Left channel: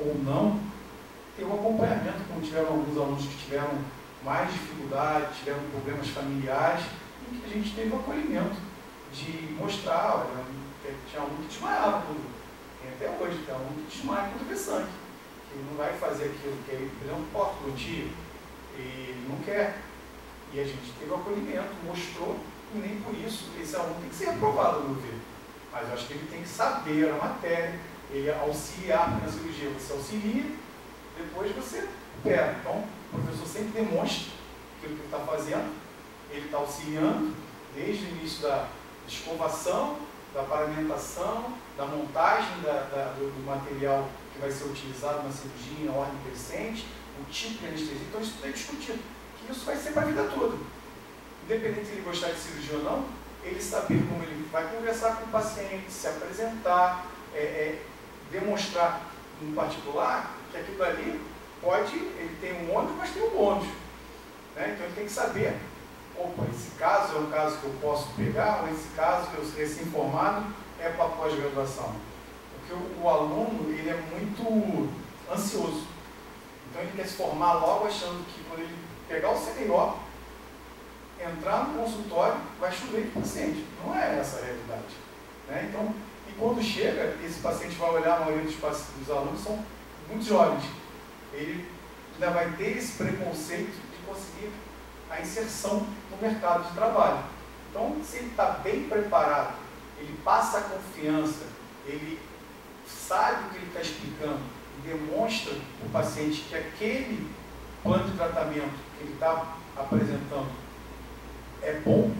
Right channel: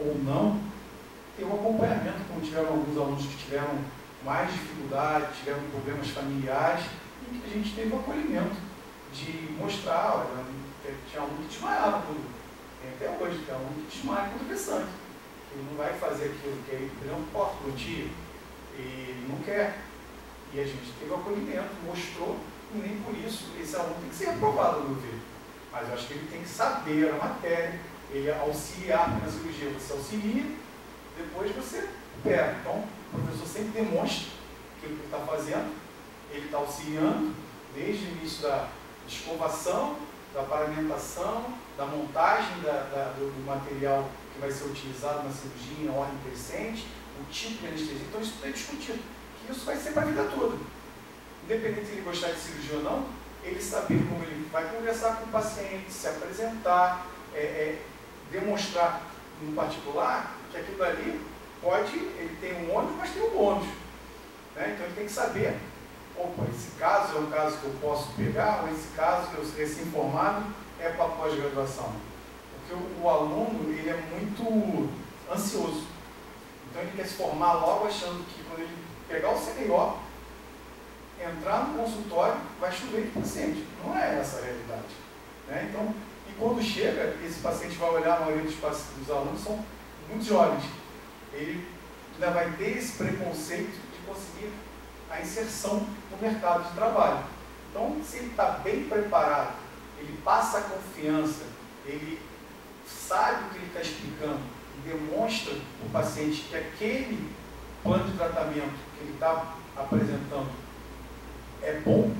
ou não, ter um acompanhamento, como tiveram alguns alunos que tiveram mais dificuldade, tiveram problemas familiares, e que a gente teve o acolhimento de mostrar, olha, tinha aluno que desmaiava tudo, tem até hoje, tem aluno que desmaia quando vê sangue, que não vai fazer aquilo, que ele, por exemplo, porta do tio, e ele não quer. E a gente teve o acolhimento, mostrou, e nem por isso esse aluno tem que ser reprovado, no meu ver. Mas eu acho que ele tem que saber a matéria, ele auxiliar na cirurgia. Você auxilia, depois você pega. Então, o professor sempre demonstra o que ele está fazendo, ele está auxiliando desde o início da escovação, da paramentação, da montagem do material que vai ser utilizado na cirurgia em ordem crescente, o tipo de anestesia. Então, isso tudo é discutido, que isso vai ser para a vida toda. Independente se ele gostar de cirurgia ou não, ele saber como ele vai conversar com o paciente, se apresentar, demonstrar no particular que aquilo ali pode, ele tem um ônus, mas tem um bônus. Né? Então ele tem que saber, opa, esse caso é um caso que eu posso pegar, ou esse caso que eu recém-formado é para pós-graduação. Porque o aluno, ele é muito ansioso. Então ele quer se formar logo achando que quando ele pegar o CDO, entrar no consultório, vai chover de paciente. Não é essa a realidade. Né? Então, e quando chega, esse paciente vai olhar, a maioria dos alunos são muito jovens. Ele ainda vai ter esse preconceito de conseguir a inserção no mercado de trabalho. Então, se ele está bem preparado, ele passa a confiança, ele sabe o que ele está explicando e demonstra para o paciente que aquele plano de tratamento que ele está apresentando é bom,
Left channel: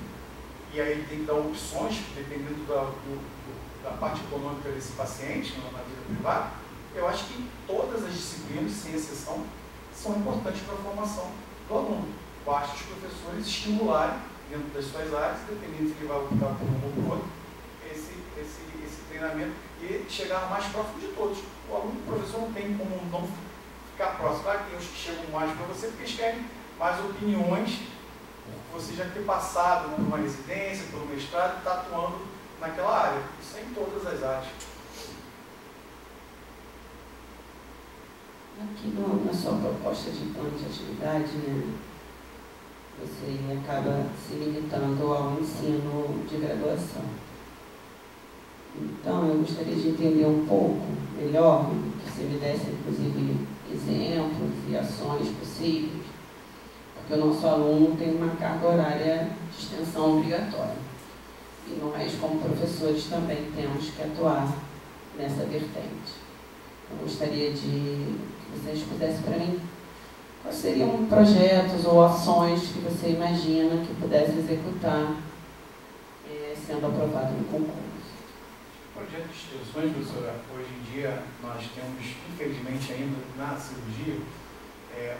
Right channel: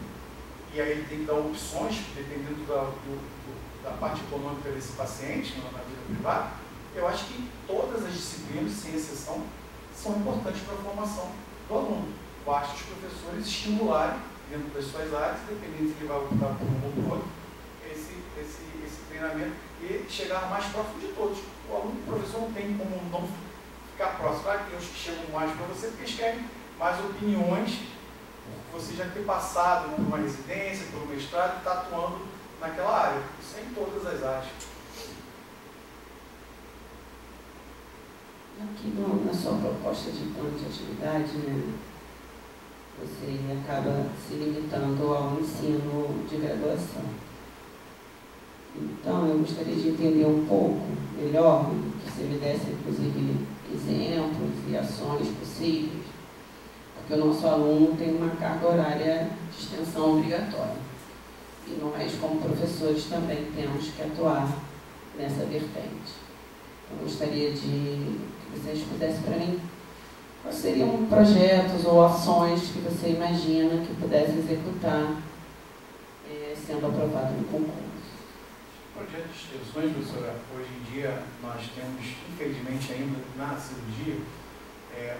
e aí ele tem que dar opções, dependendo da parte econômica desse paciente, na vida privada. Eu acho que todas as disciplinas, sem exceção, são importantes para a formação do aluno. Basta os professores estimularem, dentro das suas áreas, dependendo se ele vai optar por um ou por outro, esse treinamento e chegar mais próximo de todos. O aluno, o professor não tem como não ficar próximo. Claro que tem os que chegam mais para você, porque eles querem mais opiniões, você já ter passado por uma residência, por um mestrado e está atuando naquela área. Isso é em todas as áreas. Aqui na sua proposta de plano de atividade, né, você acaba se limitando ao ensino de graduação. Então, eu gostaria de entender um pouco melhor, que você me desse, inclusive, exemplos e ações possíveis, porque o nosso aluno tem uma carga horária de extensão obrigatória. E nós, como professores, também temos que atuar nessa vertente. Eu gostaria de que vocês fizessem para mim quais seriam projetos ou ações que você imagina que pudesse executar sendo aprovado no concurso. Projeto de extensões, professora, hoje em dia nós temos, infelizmente ainda na cirurgia,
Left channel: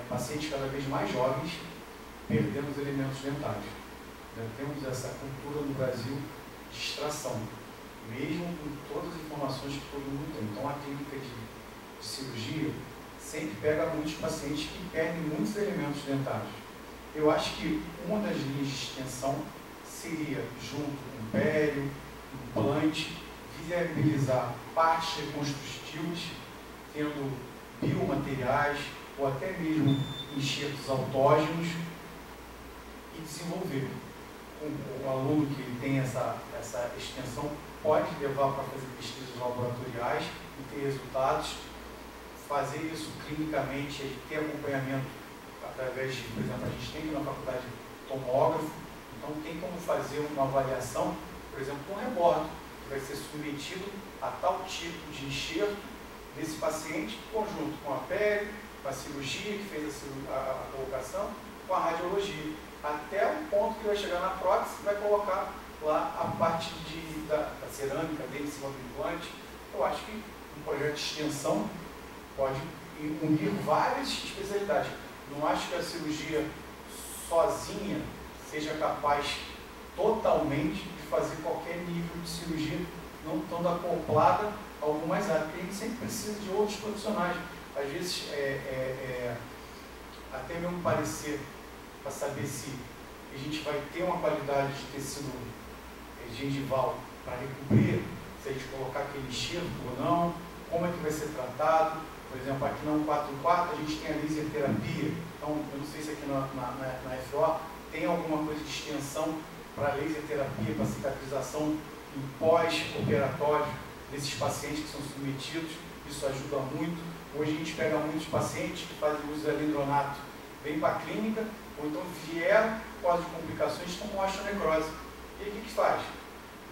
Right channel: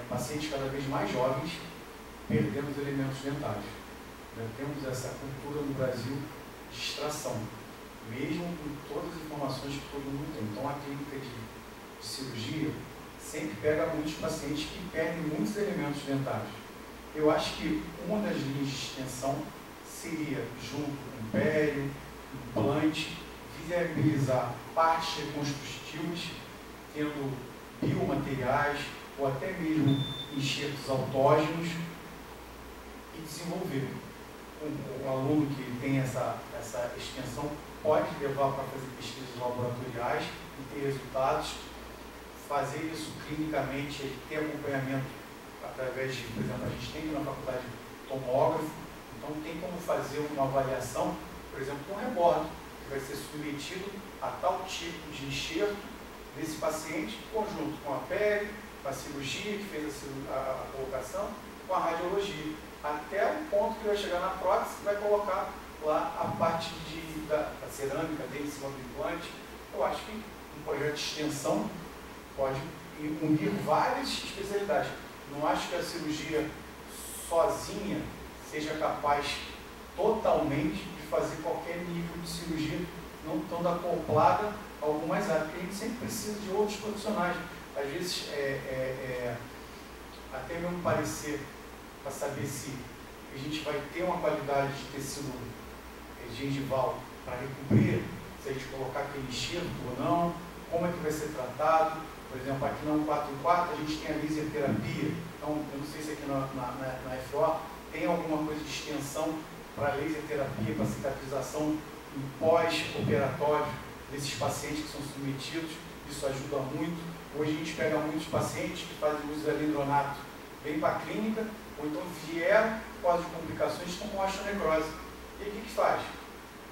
pacientes cada vez mais jovens perdendo os elementos dentários. Temos essa cultura no Brasil de extração, mesmo com todas as informações que todo mundo tem. Então a clínica de cirurgia sempre pega muitos pacientes que perdem muitos elementos dentários. Eu acho que uma das linhas de extensão seria, junto com pério, implante, viabilizar partes reconstrutivas, tendo biomateriais ou até mesmo enxertos autógenos, e desenvolver. O aluno que tem essa extensão pode levar para fazer pesquisas laboratoriais e ter resultados, fazer isso clinicamente, ter acompanhamento através de, por exemplo, a gente tem na faculdade tomógrafo, então tem como fazer uma avaliação, por exemplo, com rebordo, que vai ser submetido a tal tipo de enxerto desse paciente, conjunto com a pele, com a cirurgia que fez a colocação, com a radiologia, até o ponto que vai chegar na prótese e vai colocar lá a parte da cerâmica dele em cima do implante. Eu acho que um projeto de extensão pode unir várias especialidades. Não acho que a cirurgia sozinha seja capaz totalmente de fazer qualquer nível de cirurgia, não estando acoplada a algumas áreas, porque a gente sempre precisa de outros profissionais. Às vezes, até mesmo parecer, para saber se a gente vai ter uma qualidade de tecido gengival para recobrir, se a gente colocar aquele enxerto ou não, como é que vai ser tratado. Por exemplo, aqui na 144 a gente tem a laser terapia. Então, eu não sei se aqui na FO tem alguma coisa de extensão para laser terapia, para cicatrização em pós-operatório desses pacientes que são submetidos. Isso ajuda muito. Hoje a gente pega muitos pacientes que fazem uso de alendronato, vêm para a clínica, ou então vieram por causa de complicações como osteonecrose. E aí o que faz?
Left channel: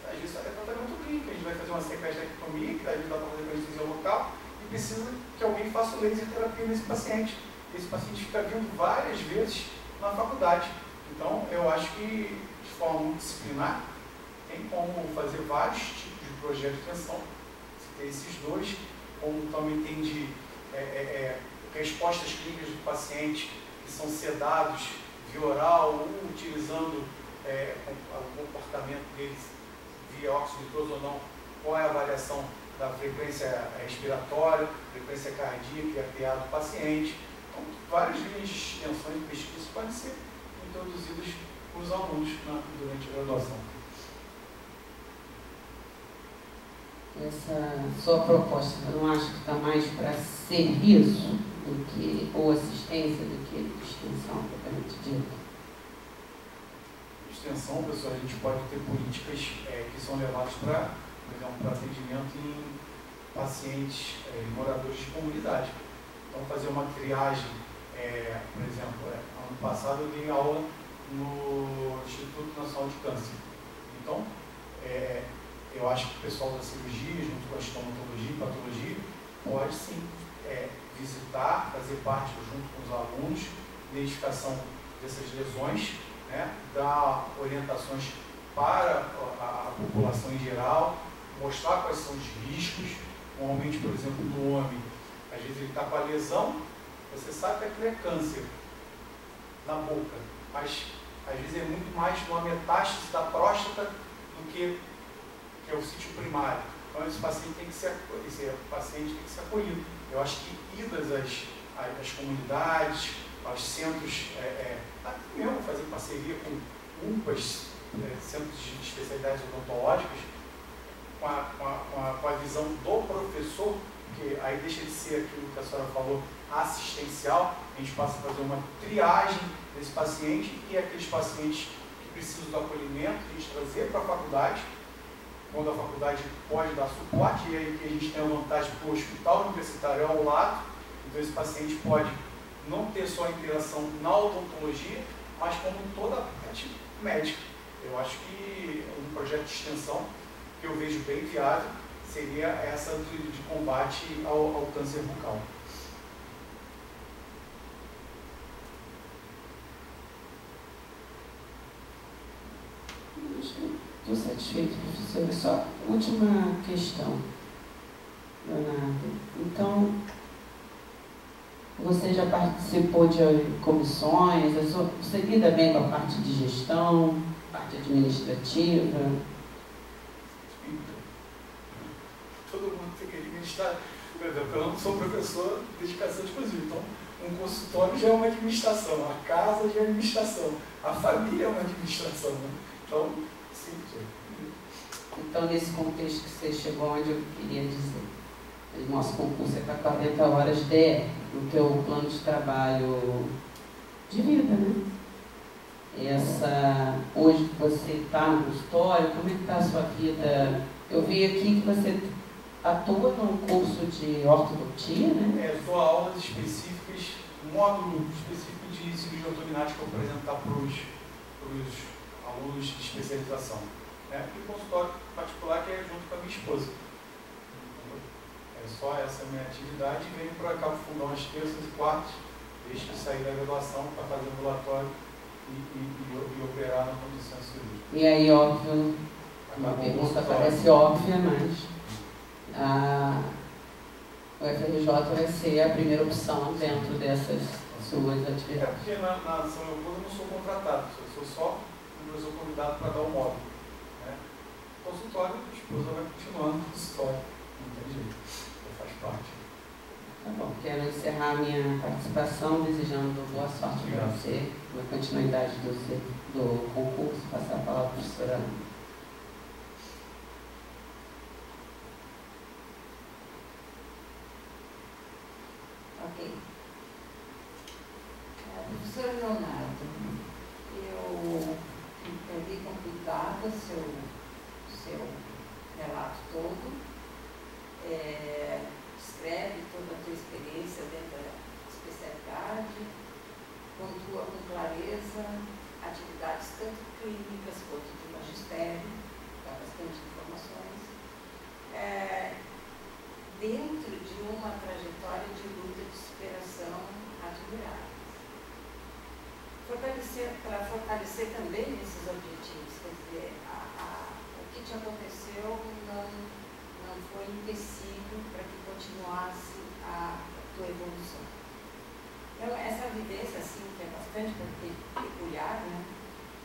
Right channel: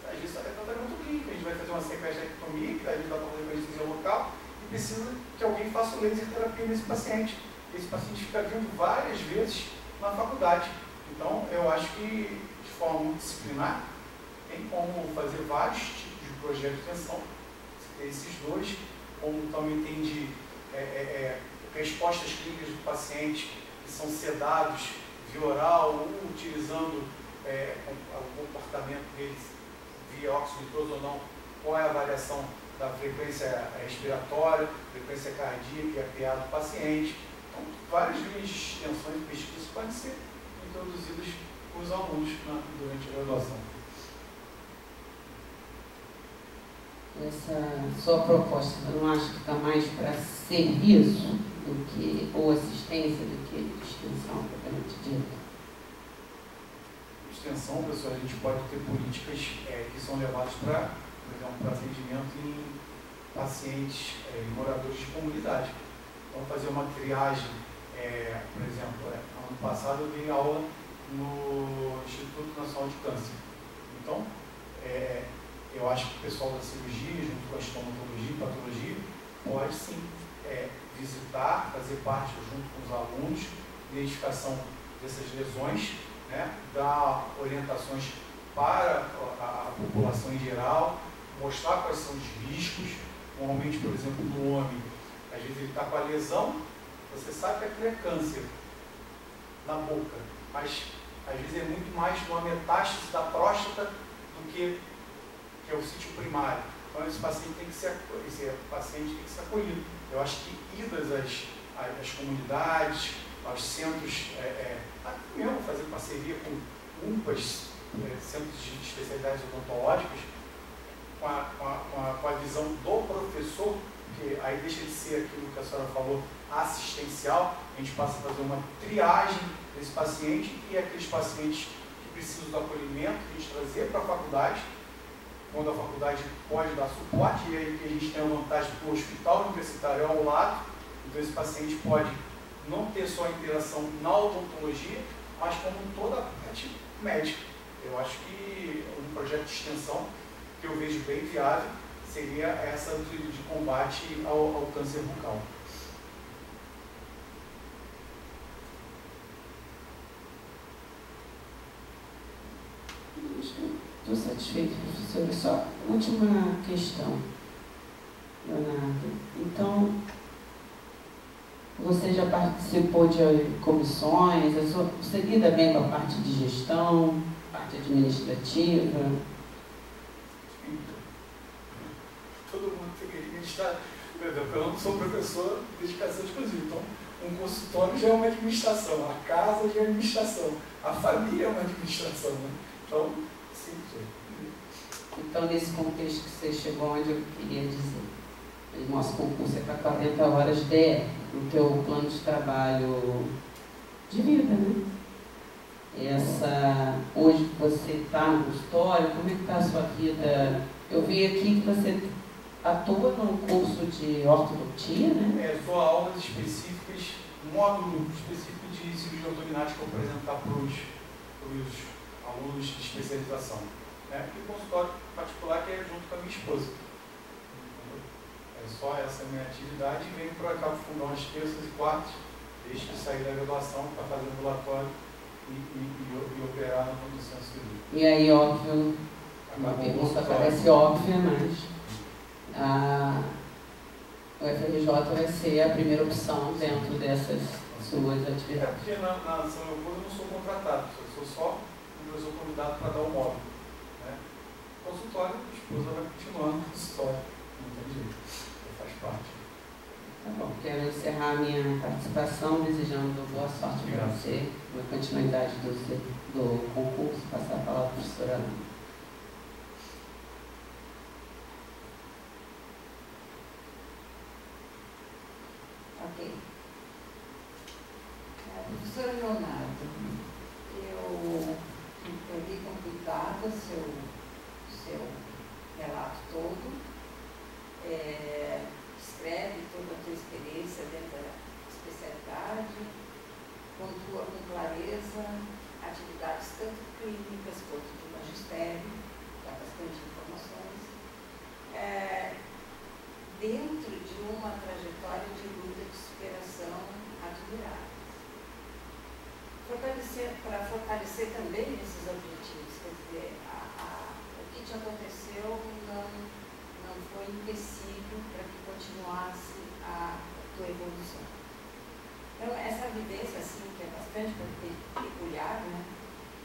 Às vezes é tratamento clínico, a gente vai fazer uma sequestrectomia, que às vezes dá para fazer anestesia local, e precisa que alguém faça laser terapia nesse paciente. Esse paciente fica vindo várias vezes na faculdade. Então, eu acho que, de forma multidisciplinar, tem como fazer vários tipos de projetos de extensão. Esses dois, como também tem de respostas clínicas do paciente, que são sedados via oral, ou utilizando o comportamento deles via óxido nitroso ou não, qual é a avaliação da frequência respiratória, frequência cardíaca e APA do paciente. Então, várias linhas de extensão e pesquisa podem ser introduzidas com os alunos durante a graduação. Essa sua proposta, eu não acho que está mais para serviço do que, ou assistência do que extensão, propriamente dito? Extensão, pessoal, a gente pode ter políticas que são levadas para, por exemplo, para atendimento em pacientes moradores de comunidade. Então, fazer uma triagem, por exemplo, ano passado eu dei aula no Instituto Nacional de Câncer. Então, eu acho que o pessoal da cirurgia, junto com a estomatologia e patologia, pode sim visitar, fazer parte junto com os alunos, identificação dessas lesões, né, dar orientações para a população em geral, mostrar quais são os riscos. Normalmente, por exemplo, no homem, às vezes ele está com a lesão, você sabe que aquilo é câncer na boca, mas às vezes é muito mais uma metástase da próstata do que é o sítio primário. Então esse paciente tem que ser acolhido. Eu acho que idas às comunidades, aos centros, até mesmo fazer parceria com UPAs, centros de especialidades odontológicas, com a visão do professor, que aí deixa de ser aquilo que a senhora falou, assistencial, a gente passa a fazer uma triagem desse paciente e aqueles pacientes que precisam do acolhimento, a gente trazer para a faculdade, quando a faculdade pode dar suporte, e aí que a gente tem a vantagem do hospital universitário ao lado, então esse paciente pode não ter só a interação na odontologia, mas como toda a parte médica. Eu acho que um projeto de extensão que eu vejo bem viável seria essa de combate ao câncer bucal. Estou satisfeito, professora. Só última questão, Leonardo. Então, você já participou de comissões, você lida bem com a parte de gestão, parte administrativa? Todo mundo tem que administrar. Por exemplo, eu não sou professor de dedicação exclusiva, então um consultório já é uma administração, a casa já é administração, a família é uma administração, né? Então, sim. Então, nesse contexto que você chegou, onde eu queria dizer, o nosso concurso é para 40 horas de o teu plano de trabalho de vida, né? Hoje que você está no consultório, como é que está a sua vida? Eu vi aqui que você atua num curso de ortodontia, né? Eu dou aulas específicas, um módulo específico de cirurgia ortognática para apresentar para os alunos de especialização. E o consultório particular que é junto com a minha esposa. É só essa a minha atividade e venho para cá para fundar umas terças e quartas, desde que sair da graduação para fazer ambulatório e operar na condução cirúrgica. E aí, óbvio, uma pergunta parece óbvia, mas o FRJ vai ser a primeira opção dentro dessas suas atividades. Porque na São Leopoldo eu não sou contratado, eu sou só um professor convidado para dar o módulo. Consultório, a esposa vai continuar no consultório, não tem jeito, faz parte. Tá bom, quero encerrar a minha participação desejando boa sorte para você, na continuidade do concurso, passar a palavra para a professora Ana. Ok. Professor Leonardo, eu li com cuidado o seu relato todo, descreve toda a tua experiência dentro da especialidade, pontua com clareza atividades tanto clínicas quanto de magistério, dá bastante informações, dentro de uma trajetória de luta de superação admiráveis. Para fortalecer também esses objetivos, quer dizer, o que te aconteceu não foi empecilho para que continuasse a tua evolução. Então, essa evidência, assim, que é bastante peculiar, né,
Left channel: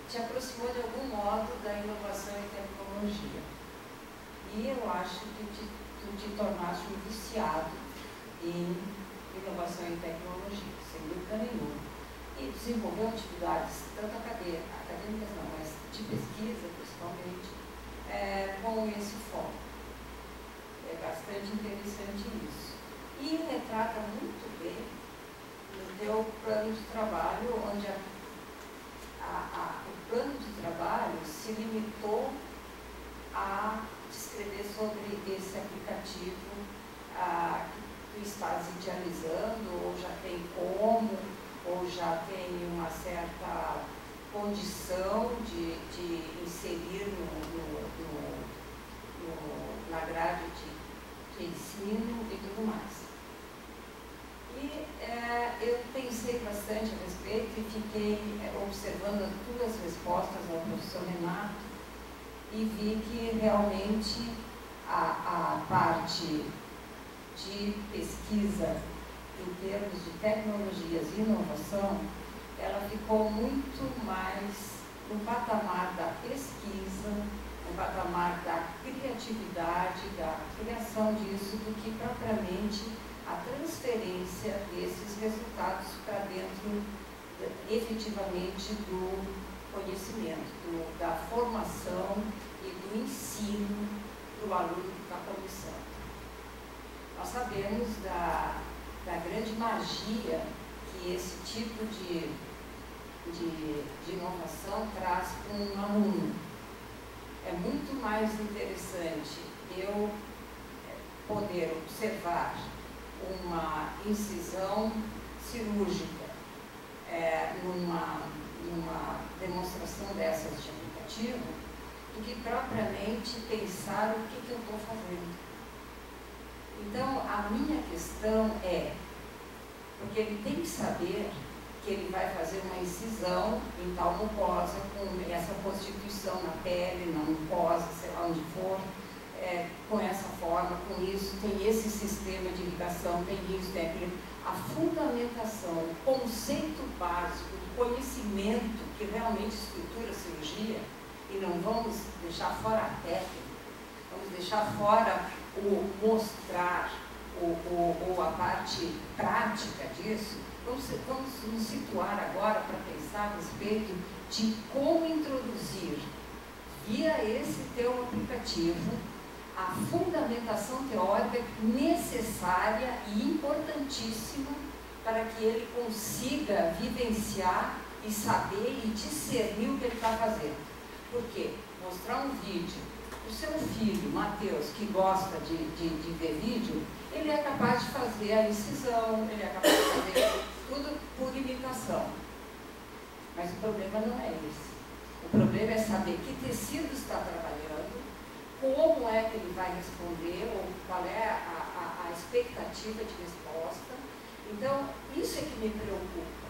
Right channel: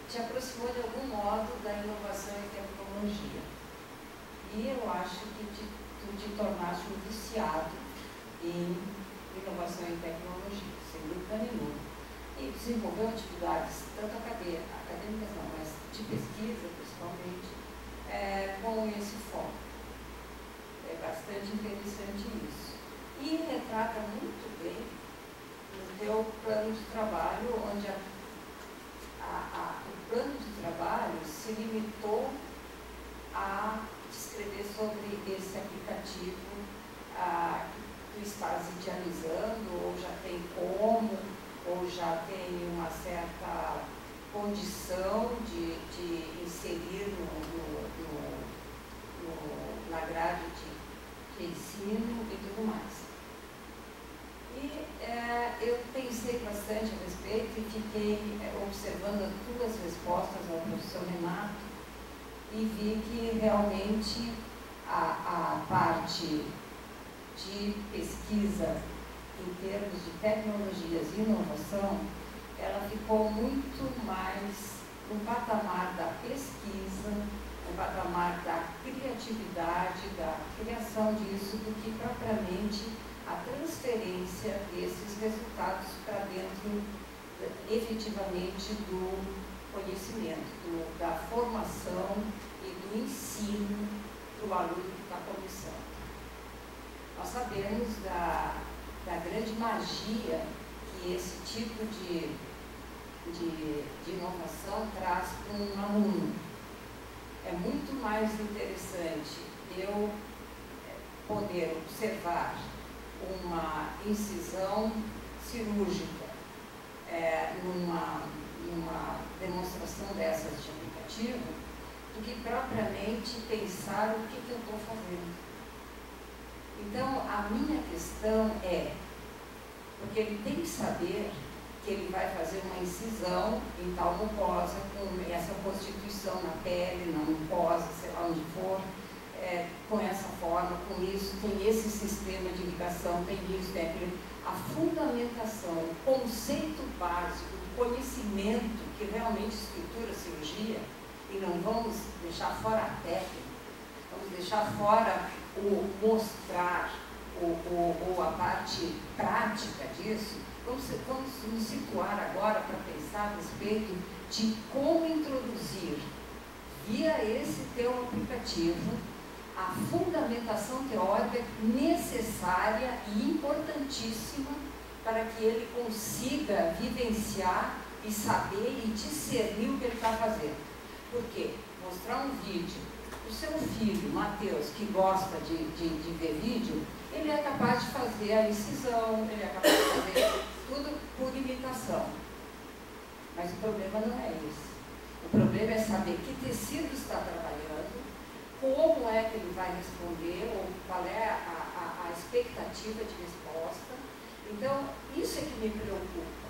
te aproximou de algum modo da inovação e tecnologia. E eu acho que tu te tornaste um viciado em inovação e tecnologia, sem dúvida nenhuma. E desenvolveu atividades, tanto acadêmicas não, mas de pesquisa, principalmente, com esse foco. É bastante interessante isso. E retrata muito bem no teu plano de trabalho, onde o plano de trabalho se limitou a descrever sobre esse aplicativo que tu estás idealizando, ou já tem como, ou já tem uma certa condição de inserir na grade de ensino e tudo mais. E eu pensei bastante a respeito e fiquei observando as tuas respostas ao professor Renato e vi que realmente a parte de pesquisa em termos de tecnologias e inovação, ela ficou muito mais no patamar da pesquisa, no patamar da criatividade, da criação disso, do que propriamente a transferência desses resultados para dentro, efetivamente, do conhecimento, da formação e do ensino do aluno que está começando. Nós sabemos da grande magia que esse tipo de inovação traz para um aluno. É muito mais interessante eu poder observar uma incisão cirúrgica numa demonstração dessas de aplicativo, do que propriamente pensar o que eu estou fazendo. Então, a minha questão porque ele tem que saber que ele vai fazer uma incisão em tal mucosa, com essa constituição na pele, na mucosa, sei lá onde for, com essa forma, com isso, tem esse sistema de ligação, tem isso, tem aquilo. A fundamentação, o conceito básico, o conhecimento que realmente estrutura a cirurgia, e não vamos deixar fora a técnica, vamos deixar fora o mostrar, ou a parte prática disso. Vamos nos situar agora para pensar a respeito de como introduzir, via esse teu aplicativo, a fundamentação teórica necessária e importantíssima para que ele consiga vivenciar e saber e discernir o que ele está fazendo. Por quê? Mostrar um vídeo para o seu filho, Matheus, que gosta de ver vídeo, ele é capaz de fazer a incisão, ele é capaz de fazer tudo por imitação. Mas o problema não é esse. O problema é saber que tecido está trabalhando, como é que ele vai responder, ou qual é a expectativa de resposta. Então, isso é que me preocupa.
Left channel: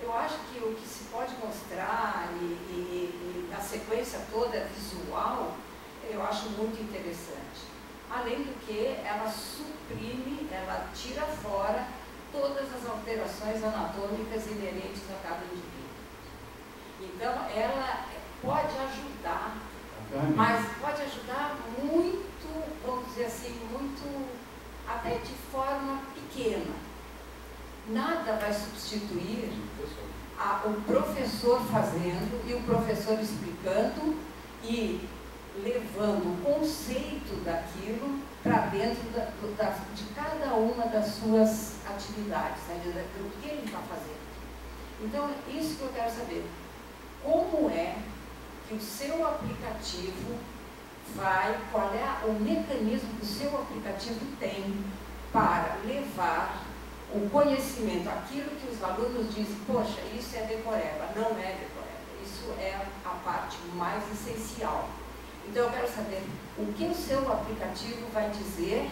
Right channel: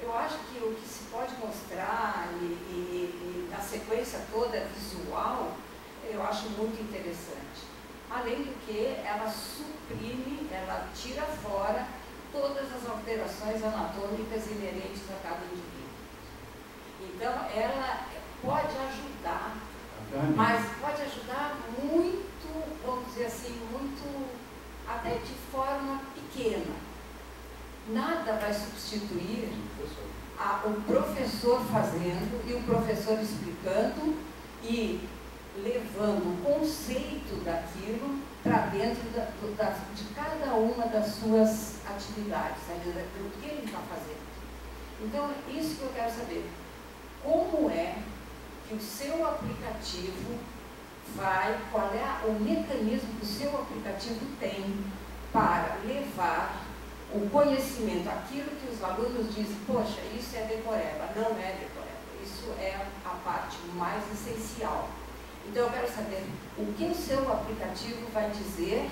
Eu acho que o que se pode mostrar e na sequência toda visual, eu acho muito interessante. Além do que, ela suprime, ela tira fora todas as alterações anatômicas inerentes a cada indivíduo. Então, ela pode ajudar, mas pode ajudar muito, vamos dizer assim, muito, até de forma pequena. Nada vai substituir o professor fazendo e o professor explicando e levando o conceito daquilo para dentro de cada uma das suas atividades, né, do que ele está fazendo. Então, isso que eu quero saber. Como é que o seu aplicativo qual é o mecanismo que o seu aplicativo tem para levar o conhecimento, aquilo que os alunos dizem, poxa, isso é decoreba. Não é decoreba, isso é a parte mais essencial. Então eu quero saber o que o seu aplicativo vai dizer,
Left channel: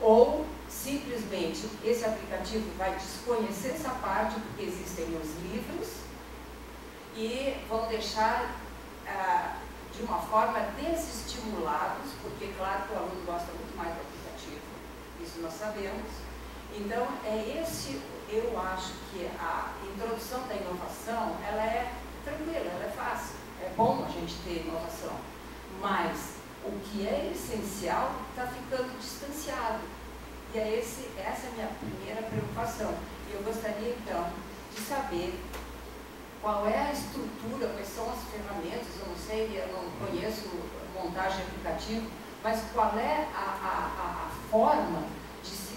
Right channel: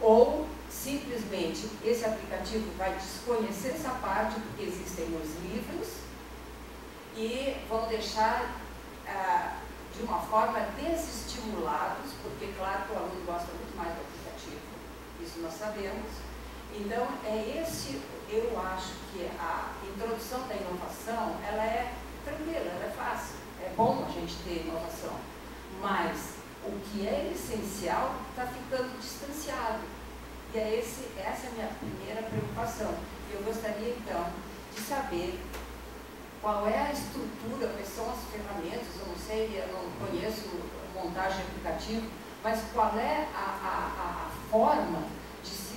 ou simplesmente esse aplicativo vai desconhecer essa parte, porque existem os livros, e vão deixar de uma forma desestimulados, porque claro que o aluno gosta muito mais do aplicativo, isso nós sabemos. Então, eu acho que a introdução da inovação, ela é tranquila, ela é fácil, é bom a gente ter inovação, mas o que é essencial está ficando distanciado, e essa é a minha primeira preocupação. E eu gostaria, então, de saber qual é a estrutura, quais são as ferramentas, eu não sei, eu não conheço montagem de aplicativo, mas qual é a forma de se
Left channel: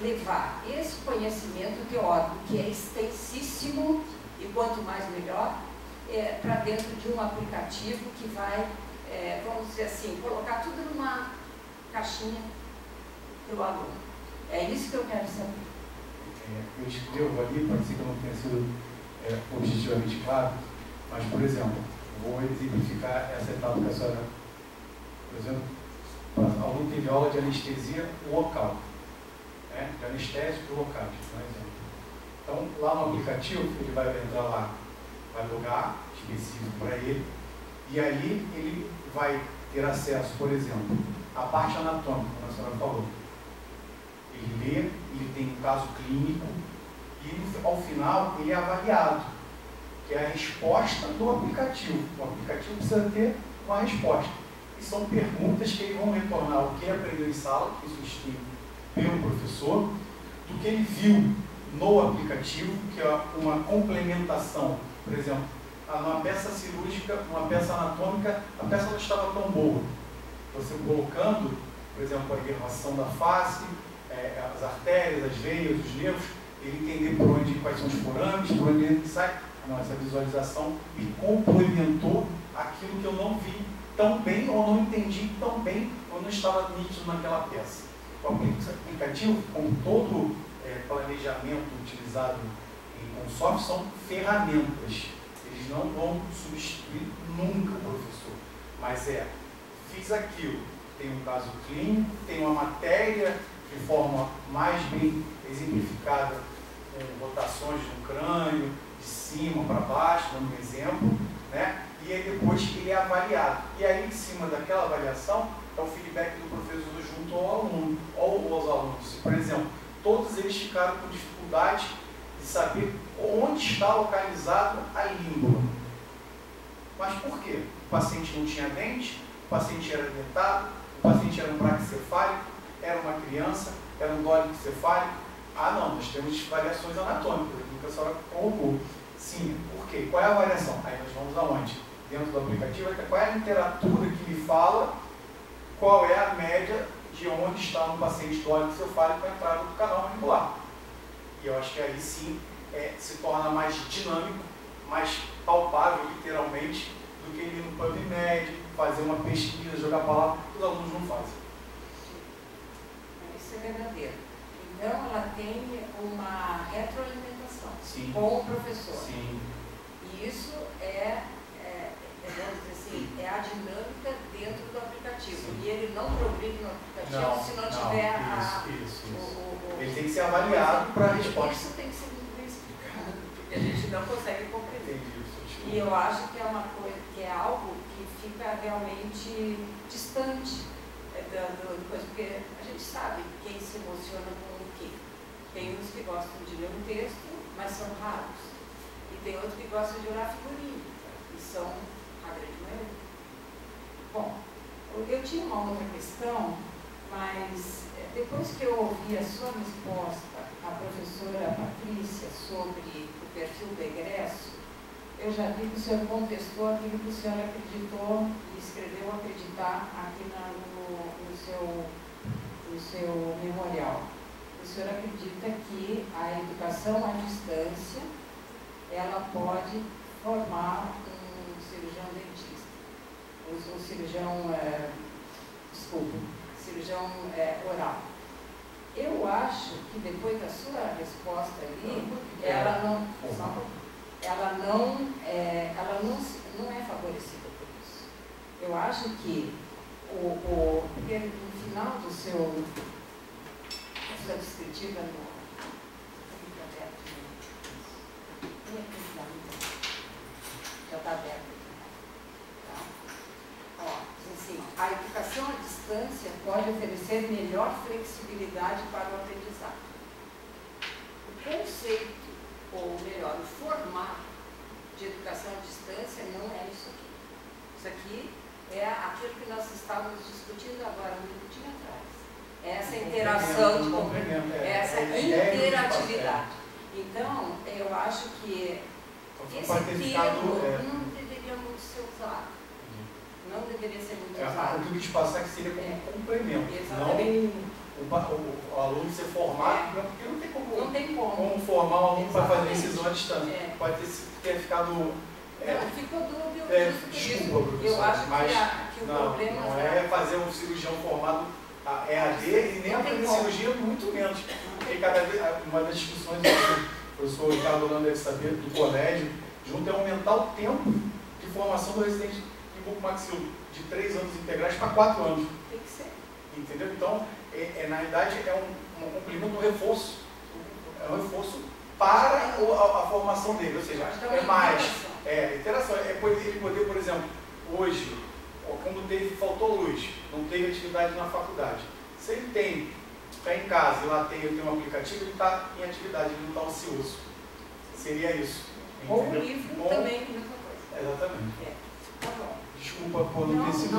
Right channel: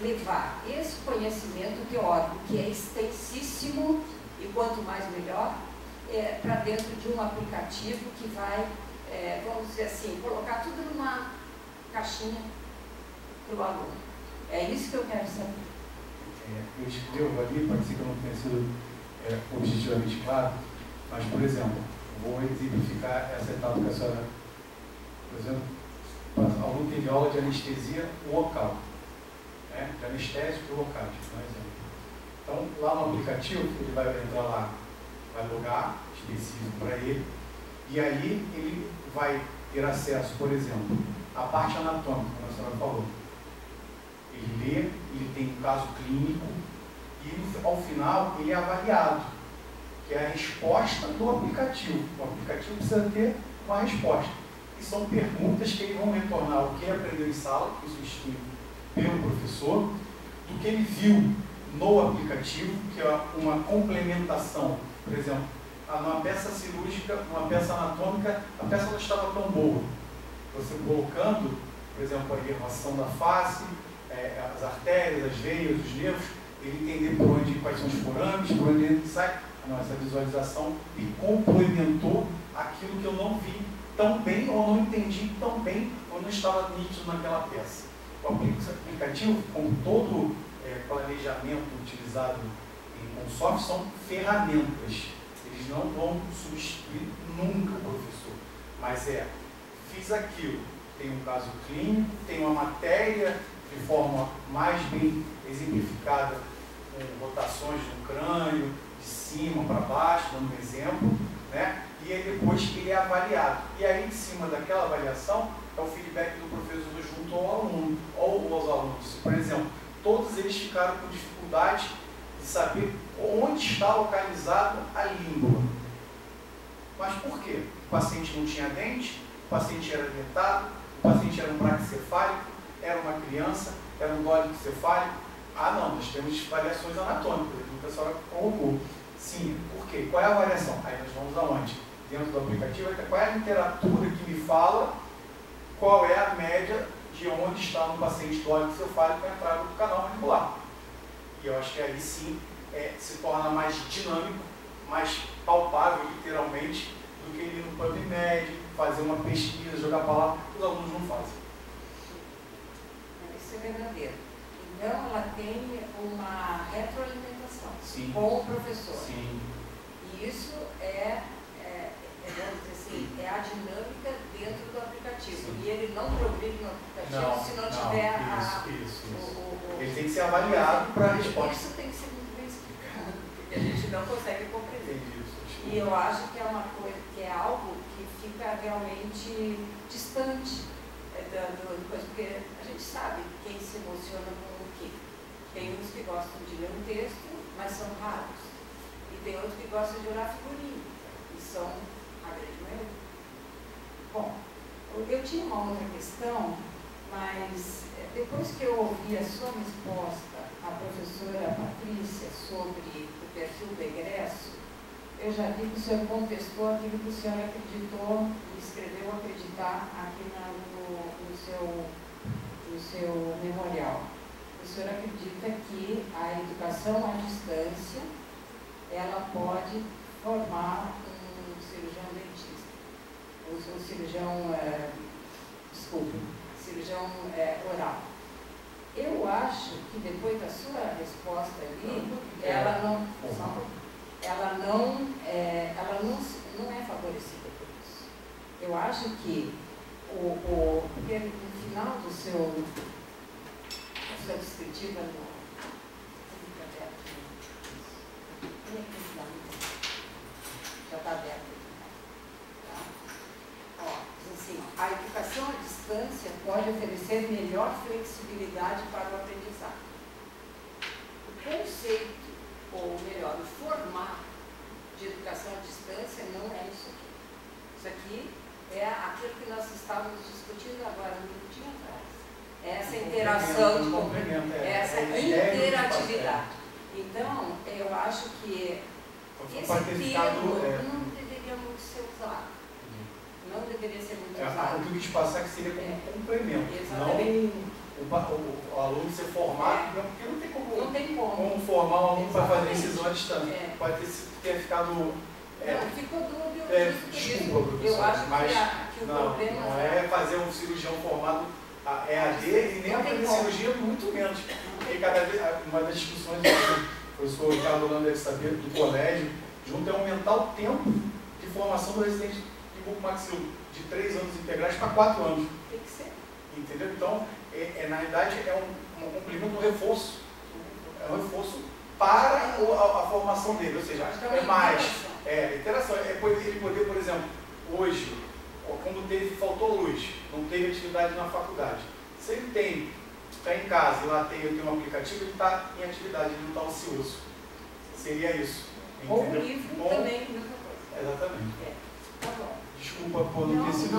levar esse conhecimento teórico, que é extensíssimo, e quanto mais melhor, para dentro de um aplicativo que vai, vamos dizer assim, colocar tudo numa caixinha para o aluno. É isso que eu quero saber. Eu escrevo ali, pode ser que eu não tenha sido objetivamente claro, mas, por exemplo, vou exemplificar essa etapa que a senhora, por exemplo, o aluno teve aula de anestesia local, né, de anestésicos locais, por exemplo. Então, lá no aplicativo, ele vai entrar lá, vai logar específico para ele, e aí ele vai ter acesso, por exemplo, à parte anatômica, como a senhora falou. Ele lê, ele tem um caso clínico, e ao final ele é avaliado, que é a resposta do aplicativo. O aplicativo precisa ter uma resposta. E são perguntas que ele vão retornar o que ele aprendeu em sala, que isso é instruído pelo professor, do que ele viu no aplicativo, que é uma complementação. Por exemplo, numa peça cirúrgica, uma peça anatômica, a peça não estava tão boa. Você colocando, por exemplo, a inervação da face, as artérias, as veias, os nervos, ele entender por onde, quais são os forames, por onde ele sai. Não, essa visualização me complementou aquilo que eu não vi tão bem, ou não entendi tão bem, ou não estava nítido naquela peça. O aplicativo, como todo planejamento utilizado com software, são ferramentas. Eles não vão substituir nunca o professor. Mas fiz aquilo, tem um caso clínico, tem uma matéria de forma mais bem exemplificada, com rotações no crânio, de cima para baixo, dando um exemplo, né? E aí depois ele é avaliado. E aí, em cima daquela avaliação, é o feedback do professor junto ao aluno, ou aos alunos. Por exemplo, todos eles ficaram com dificuldade de saber onde está localizado a língua. Mas por quê? O paciente não tinha dente, o paciente era dentado, o paciente era um braquicefálico, era uma criança, era um dólicocefálico. Ah, não, nós temos variações anatômicas, aquilo que a senhora colocou. Sim, por quê? Qual é a variação? Aí nós vamos aonde? Dentro do aplicativo, qual é a literatura que me fala qual é a média de onde está um paciente dólicocefálico para entrar no canal radicular. E eu acho que aí sim se torna mais dinâmico, mais palpável, literalmente, do que ir no PubMed, fazer uma pesquisa, jogar palavra, que os alunos não fazem. Isso é verdadeiro. Então, ela tem uma retroalimentação com o professor. Sim. E isso vamos dizer assim, é a dinâmica dentro do aplicativo. Sim. E ele não progride no aplicativo se não tiver isso. Ele tem que ser avaliado para a resposta. Isso tem que ser muito bem explicado, porque a gente não consegue compreender. E eu acho que é uma coisa, que é algo que fica realmente distante porque a gente sabe quem se emociona com o quê. Tem uns que gostam de ler um texto, mas são raros. E tem outros que gostam de olhar figurinha, e são a grande maioria. Bom, eu tinha uma outra questão, mas depois que eu ouvi a sua resposta à professora Patrícia sobre o perfil do egresso, eu já vi que o senhor contestou aquilo que o senhor acreditou e escreveu acreditar aqui no seu no seu memorial. O senhor acredita que a educação à distância, ela pode formar um cirurgião dentista, um cirurgião, cirurgião oral. Eu acho que depois da sua resposta ali, ela não é favorecida por isso. Eu acho que porque no final da sua descritiva já está aberto. Tá? Diz assim, a educação à distância pode oferecer melhor flexibilidade para o aprendizado. O conceito, ou melhor, o formato de educação à distância não é isso aqui. Isso aqui é aquilo que nós estávamos discutindo agora, um minutinho atrás. Essa interação de complemento, essa interatividade. Então, eu acho que esse termo não deveria muito ser usado. Não deveria ser muito usado. O que eu quis passar que seria como complemento. Exatamente. Não o aluno ser formado, porque não tem como formar um aluno para fazer incisão à distância. Pode ter ficado. Não, ficou dúbio. Desculpa, professor, eu acho que o problema não é fazer um cirurgião formado EAD e nem aprender cirurgia, muito menos. Porque cada vez, uma das discussões que o professor Ricardo Holanda deve saber do colégio, junto é aumentar o tempo de formação do residente de bucomaxilo, de 3 anos integrais para 4 anos. Tem que ser. Entendeu? Então, na realidade, é um complemento, um reforço. É um reforço para a formação dele, ou seja, é mais. Interação. Ele poder, por exemplo, hoje, como faltou luz, não teve atividade na faculdade. Se ele está em casa e lá tem um aplicativo, ele está em atividade, ele não está ocioso. Seria isso. Ou o livro também, mesma coisa. Exatamente. Tá bom. Desculpa por não ter sido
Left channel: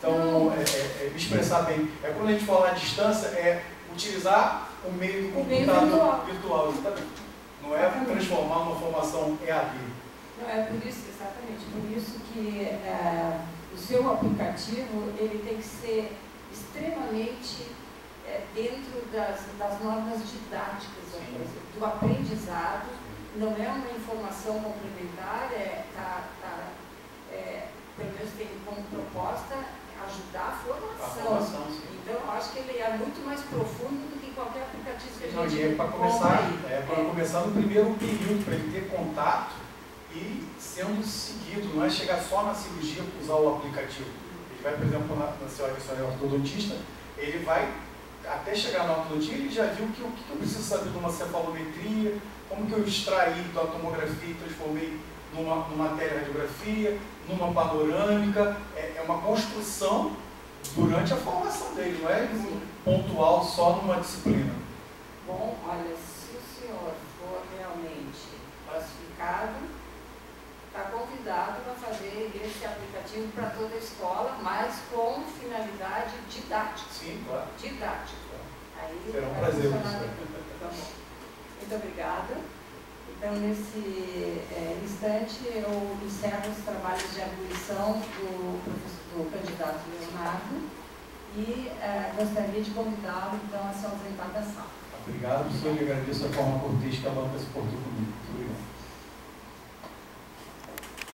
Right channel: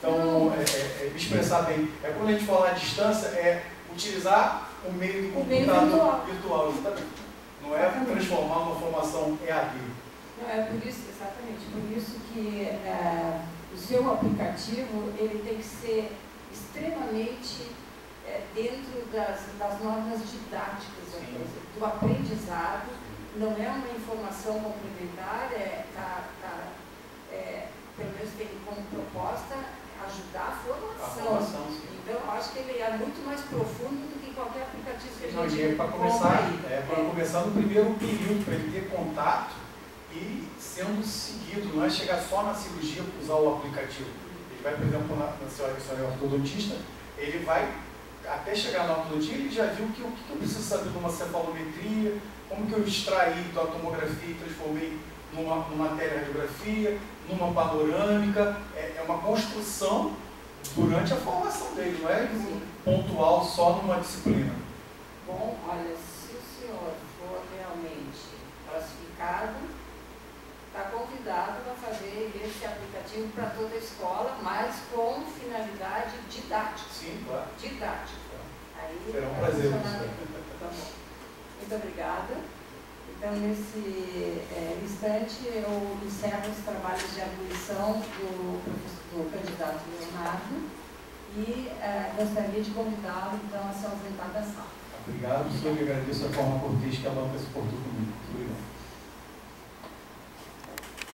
tão me expressar bem. Quando a gente fala à distância, utilizar o meio do computador virtual, exatamente. Não é transformar uma formação EAD. Não, é por isso, exatamente, por isso que o seu aplicativo ele tem que ser extremamente dentro das normas didáticas do aprendizado. Não é uma informação complementar, pelo menos tem como proposta ajudar a formação. Então, eu acho que ele é muito mais profundo do que qualquer aplicativo que a gente para começar no primeiro período, para ele ter contato e sendo seguido, não é chegar só na cirurgia para usar o aplicativo. Ele vai, por exemplo, na senhora é ortodontista, ele vai, até chegar na ortodontia, ele já viu o que eu preciso saber de uma cefalometria, como que eu extraí da tomografia e transformei numa teleradiografia, numa panorâmica. É uma construção durante a formação dele, não é pontual só numa disciplina. Bom, olha, se o senhor for realmente classificado, está convidado a fazer esse aplicativo para toda a escola, mas com finalidade didática. Sim, claro. Didática. Aí será um prazer. Tá bom. Muito obrigada. Então, nesse instante, eu encerro os trabalhos de arguição do candidato Leonardo e gostaria de convidá-lo, então, a se ausentar da sala. Obrigado, senhor. Eu agradeço a forma cortês que a banca se portou comigo. Muito obrigado.